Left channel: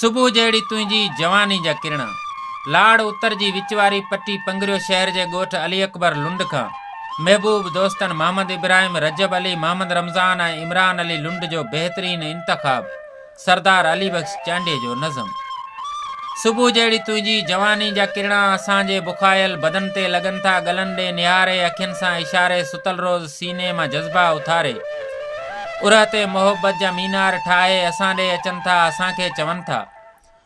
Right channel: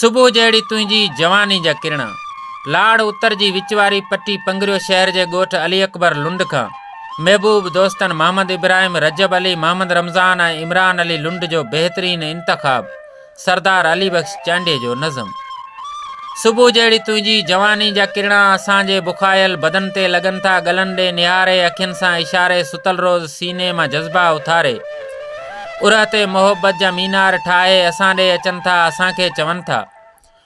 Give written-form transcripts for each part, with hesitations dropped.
सुबुह जहिड़ी तुंहिंजी जवानी जा किरण। लाड़ उत्तर जी विच वारी पट्टी पंगरियो शहर जे ॻोठ अली अकबर लुंड खां। महबूब दोस्तन मोहम्मद इब्राहिम, रजब अली, मोहम्मद रमज़ान ऐं इमरान अली लुंड जो बेहतरीन इंतखाब। सरदार अली बख्श चांडे जो नज़म। सुबुह जहिड़ी तुंहिंजी जवानी जा किरण असांजे बुखायल बदन ते लॻनि था, गलन ॾे निहारे अखियुनि सां इशारे, सुतल रोज़ सीने मां जज़्बा उथारे। उरह ते मोहब्बत जा मीनार ठाहे असां ॾे अचनि था, असांखे चवनि था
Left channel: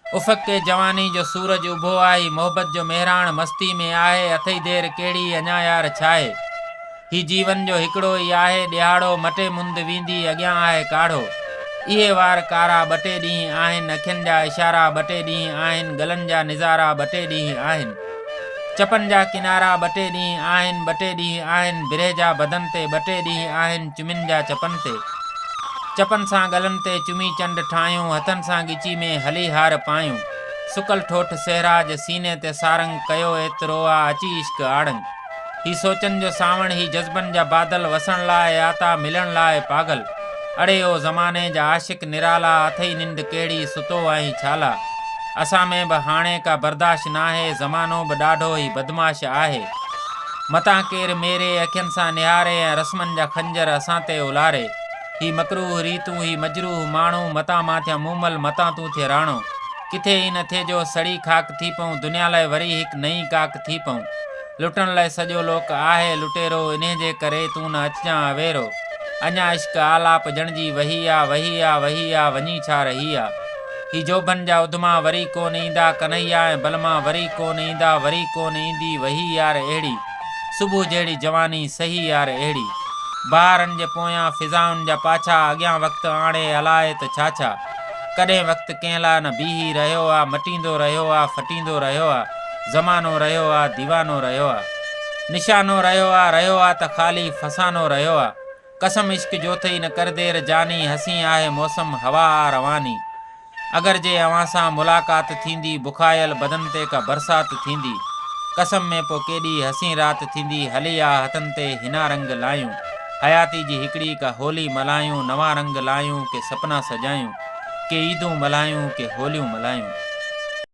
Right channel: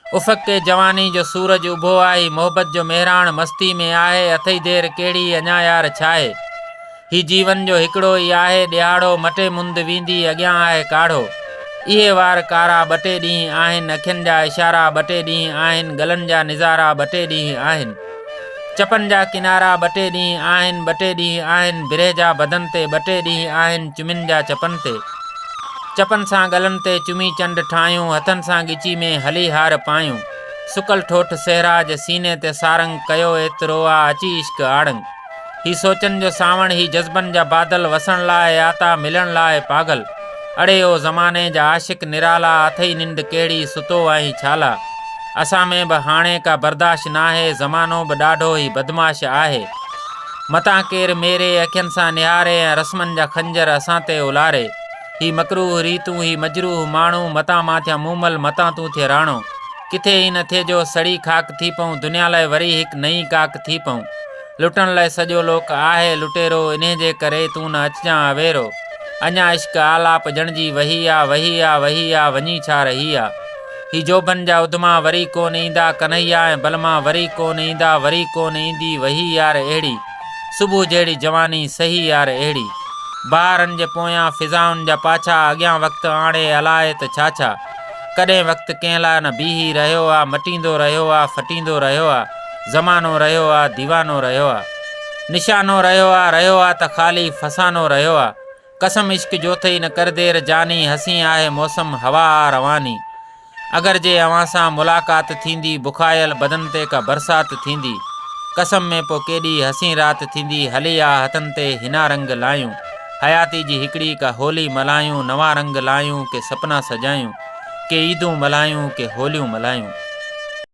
उफ़क़ ते जवानी जो सूरज उभो आहे। मोहब्बत जो मेहरान मस्ती में आहे, अथई देर कहिड़ी अञा यार छाहे। ही जीवन जो हिकिड़ो ई आहे ॾियारो, मटे मुंद वेंदी अॻियां आहे काढ़ो। इहे वार कारा ॿ टे ॾींहं आहिनि, अखियुनि जा इशारा ॿ टे ॾींहं आहिनि, गलनि जा निज़ारा ॿ टे ॾींहं आहिनि, चपनि जा किनारा ॿ टे ॾींहं आहिनि, ॿ टे ॾींहं आहिनि, बिरह जा बदन ते ॿ टे ॾींहं आहिनि, चुमिन जा चपनि ते। चपन सां गलन ते चुमी चंड ठाहियूं, हथन सां गिची में हली हार पायूं। सुकल ठोठ सहराज सीने ते सारंग कयो एतिरो आ, अची इश्क आड़ंग। ही सोचन जो सावण, ही जज्बन जा बादल, वसण लाइ आता मिलण लाइ पागल। अड़े ओ ज़माने जा आशिक निराला, अथई निंड कहिड़ी सुतो आहीं छाला। असां में बि हाणे का बर्दाश्त नाहे, ज़मानो बि ॾाढो ई बदमाश आहे। मतां केर मेरे अखियुनि सां निहारे ऐं रस्मनि जा खंजर असां ते उलारे। ही मकरूह रीतूं, ही मजरूह माण्हू, मतां मां थिया मूमल, मतां तूं थिए राणो। किथे ई न थिए जो सड़ी खाक थी पऊं, दुनिया लाइ वरी हिकु नई काक थी पऊं। लुटण लाइ सॼो लोक आहे लुटेरो, इन्हे जे करे तूं न अचिजां अवेरो। अञा इश्क आलाप ॼणजी वही आ, वही आ, वही आ, वञी छा रही आ। ही जोबन जा उधमा वरी कोन ईंदा, कन्हैया ऐं बलमा वरी कोन ईंदा, वरी कोन ईंदी वही यार अहिड़ी। सुबुह जहिड़ी जवानी सही यार अहिड़ी। बहारनि जे पोयां फिज़ाउनि जा पाछा, अॻियां वक़्तु आणे अलाए त छा छा। कॾहिं वक़्तु कंहिं लाइ न बीही रहियो आहे, मटींदो रहियो आहे, फटींदो रहियो आहे। ज़मानो रहियो आहे, दीवानो रहियो आहे। निशानो रहियो आहे त ख़ाली फसानो रहियो आहे। कसम इश्क जो थई न कर देर जानी, हसी आहे मौसम हवा आ रवानी। अगर जे अवां सां मुलाक़ात थींदी, बुखायल बदन ते का बरसात थींदी। कसम में पोइ केॾी हसी रात थींदी, हली आ हथनि ते हिना रंग लायूं। हयाती जी हिकिड़ी का होली मल्हायूं, नवां रंग लायूं के सपना सजायूं, के ईदूं मल्हायूं के होलियूं मल्हायूं।